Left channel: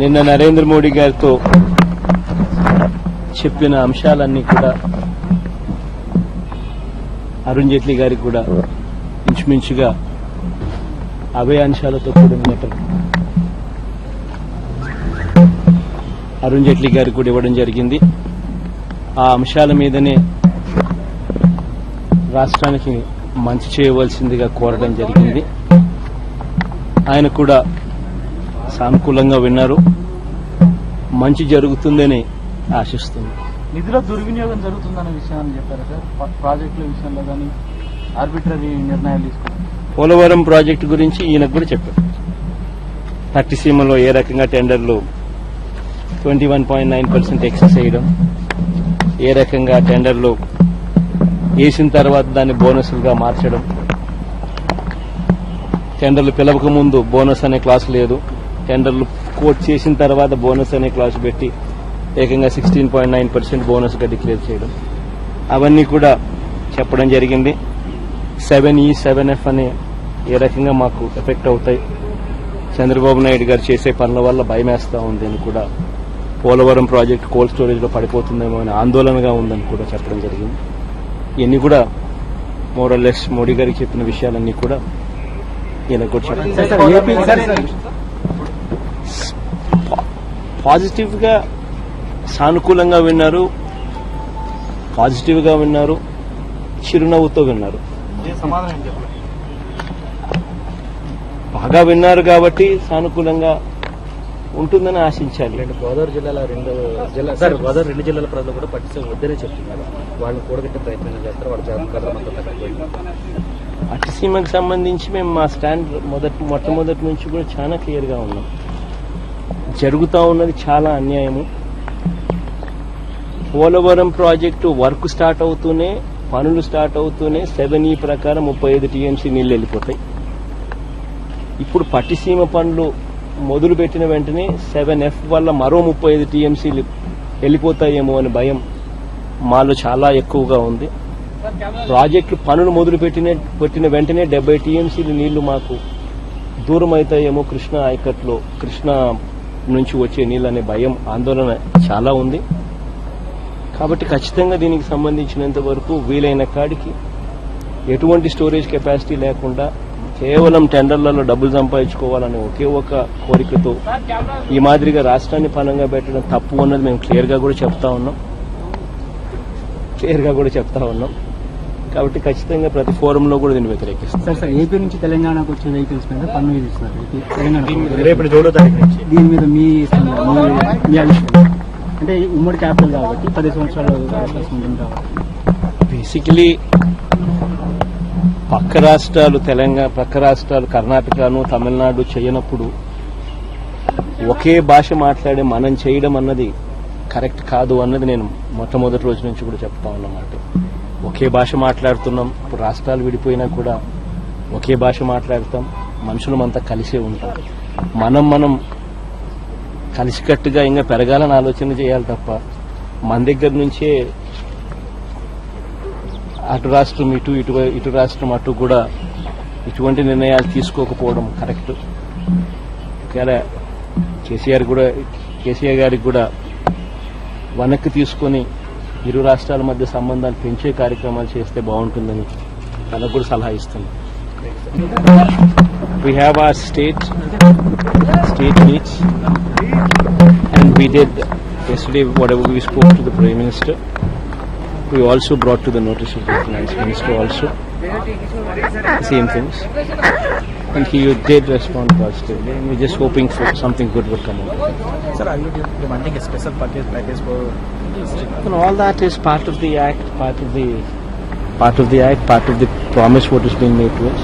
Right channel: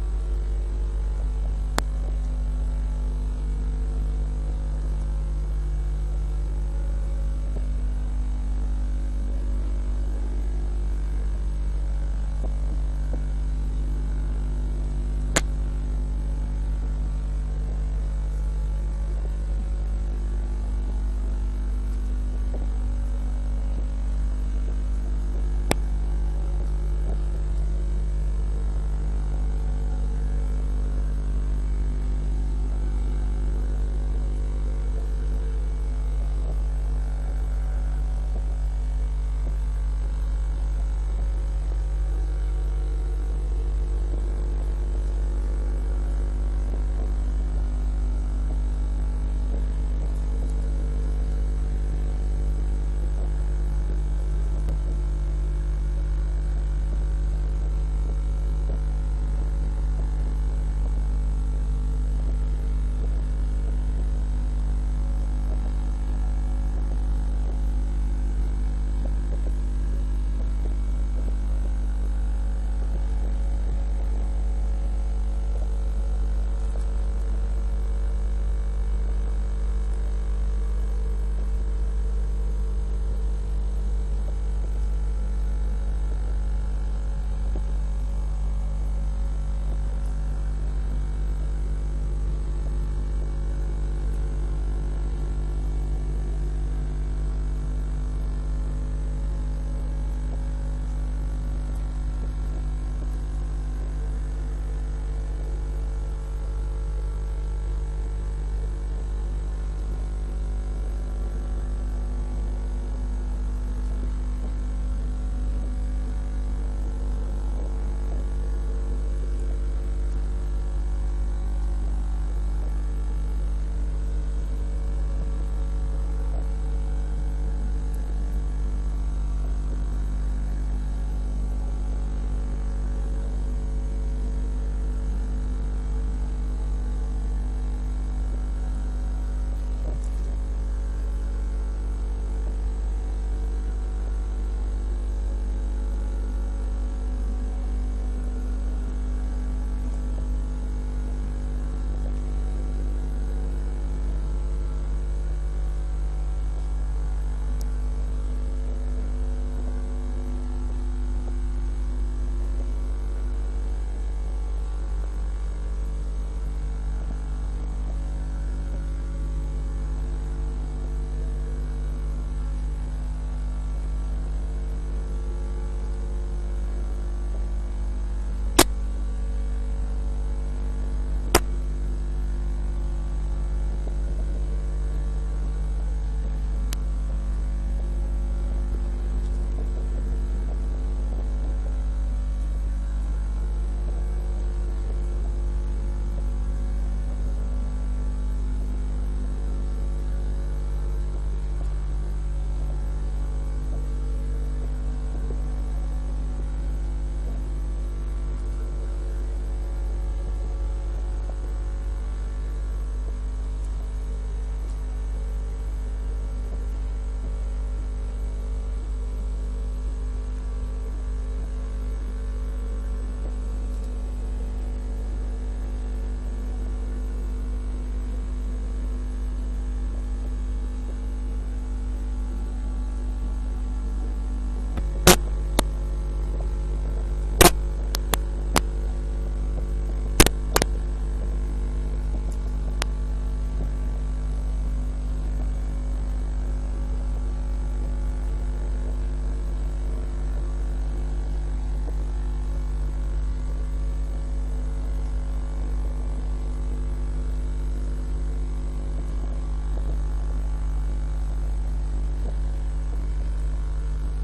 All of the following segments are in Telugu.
నిన్న నరేంద్ర మోడీ గారితో చెప్పిన అంశాలన్నీ కూడా అరుణ్ జైట్లీ గారికి కూడా ఇంచుమించుగా అవే అంశాలతో కూడిన లెటర్ అరుణ్ జైట్లీ గారికి కూడా ఇవ్వడం జరిగింది. ఆ అంశాల మీదనే రాష్ట్రానికి మంచి చేయవలసిందిగా కోరడం జరిగింది. ఆయన కూడా సానుకూలంగా విన్నారు. మంచి జరుగుతుందని ఆశిస్తుంది. నిధుల దుర్వినియోగం జరుగుతుందనే విషయాన్ని చెప్పారు సార్. ప్రాజెక్టుల విషయంలో కానీ ఆర్బిట్రరీ నిర్ణయాలు తీసుకున్నారు. పోలవరం ప్రాజెక్టు గురించి ఈయనకు కూడా చెప్పారు. పట్టిసీమలో ఏ రకంగా టెండర్లు 21.9% ఎక్సెస్ చేయడం, ఏ రకంగా టెండర్లు వేసిన తర్వాత దాన్ని బోనస్లుగా మార్చడం, టెండర్లు పిలవక ముందు బోనస్ అనే క్లాస్ లేదు, టెండర్లు కోట్ చేసిన తర్వాత బోనస్ అనే క్లాస్ పెట్టి ఏకంగా 16.9% బోనస్గా డిక్లేర్ చేయడం, అవన్నీ కూడా చెప్పడం జరిగింది. 7E 7F అనే ఏ రకంగా మాకు ఎఫెక్ట్ అవుతాయి, చంద్రబాబు నాయుడు గారు చేసే పనుల వల్ల భయమేస్తా ఉంది అని కూడా, పోలవరం ప్రాజెక్టు కోల్డ్ స్టోరేజ్లో పడిపోతుందేమో అని ఆందోళనగా ఉందని కూడా చెప్పడం జరిగింది. ఇవన్నీ కూడా మోరల్లెస్ మోడీ గారికి చెప్పిన విషయాలన్నీ కూడా ఈయనకు కూడా చెప్పారు. పాజిటివ్ గా సానుకూలంగా విన్నారు, పాజిటివ్ గా విన్నారు, చిరునవ్వుతో విన్నారు. బాగా విన్నారు కాబట్టి సానుకూలంగా ఉంటుందని ఆశించాలి. గోదావరి జిల్లాలో రెండు జిల్లాల ప్రజలు కూడా పట్టించే వద్దనే చెప్తున్నారు. వాళ్ళని కూడగట్టే ప్రయత్నం చేస్తారు. వాళ్ళు పట్టిసీమకు సంబంధించి మేము మా స్టాండ్ మొట్టమొదటి నుంచి కూడా చాలా క్లియర్ గా ఉన్నాం. జరుగుతూ ఉన్నది చాలా అన్యాయము. పోలవరం ప్రాజెక్టు వర్క్ స్టార్ట్ అవుతూనే, పనులు స్టార్ట్ అవుతూనే 7E ప్రకారం 35 TMC నీళ్లు వెళ్ళిపోతాయి. ఇప్పుడు పట్టిసీమ పనులు మొదలు పెట్టిన వెంటనే 7F వల్ల మరో 35 TMCలు వెళ్ళిపోతాయేమో అని భయం మాలో చాలా ఎక్కువగా ఉంది. ప్రాజెక్టు పనులు మొదలు పెట్టిన వెంటనే 70 TMCలు నీళ్లు మాకు దూరం అవుతాయేమో కృష్ణా ఆయకట్లో, కృష్ణా నుంచి వచ్చే నీళ్ళు అనే భయం, ఆందోళన చాలా ఉంది. కాబట్టి ఖచ్చితంగా దీనికి సంబంధించినంత వరకు వీలైన కాడికి ఎటువంటి స్టోరేజ్ కెపాసిటీ లేకుండా కేవలం టెండర్లలో డబ్బులు సంపాదించుకోవాలనే ఒకే ఒక కోరికతో ఈ మాదిరిగా రాష్ట్రాన్ని పనంగా పెట్టడం తప్పు అన్నది మేము క్లియర్గా కూడా చెప్తా ఉన్నాం. కాబట్టి ఖచ్చితంగా ప్రతి ఫోరంలో కూడా దీన్ని వ్యతిరేకిస్తాం. సార్ ఏపీ నుంచి తెలంగాణకు వచ్చే వెహికల్స్ మీద పన్ను విధిస్తున్నారు. దీని మీద మీ అంటే ఉమ్మడి క్యాపిటల్ కాబట్టి 10 సంవత్సరాలు అవకాశం ఉంటుంది కాబట్టి బేసికలీ పక్క రాష్ట్రాలు కర్ణాటకను, తమిళనాడు చేయనప్పుడు ఒకే భాష మాట్లాడే మనం చేయడం అన్నది కరెక్ట్ కాదు అన్నది నేను మొట్టమొదటి రోజు నుంచి కూడా చెప్తా ఉన్నమాట. ఒకే భాష మాట్లాడుతున్నాం. ఇప్పుడు రాష్ట్రాలు విడిపోయినా కూడా ఒకే భాష మాట్లాడతాం. మనుషులమంతా కలిసే ఉంటాం. మనం కలిసికట్టుగా ఇంకా పెరగాలని ఆలోచన చేయాలి తప్ప మన దగ్గర నుంచే అటు రాష్ట్రం ఇటు రాష్ట్రం అటు కూడా ఇటువంటి నిర్ణయాలు తీసుకోకపోవడం కరెక్ట్. కేసీఆర్ గారికి కూడా వెనక్కి తీసుకొని ఇరు రాష్ట్రాల మధ్య సంబంధాలు పెంచే కార్యక్రమాలు చేస్తే బాగుంటుందని తనకు కూడా సలహా ఇస్తుంది. We have our state meets, and we did yesterday whatever we spoke to the Prime Minister. We also brought to the notice of the Finance Minister also the same things, and he did respond positively, and we're just hoping for something good will come out of it. Sir, are you demanding a special package for? And all that is part of the act, part of the promise what is being made to us.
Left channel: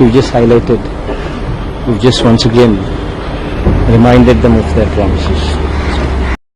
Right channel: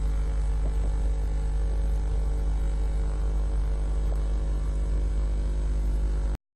We've just highlighted, we've just once again reminded them of their promises.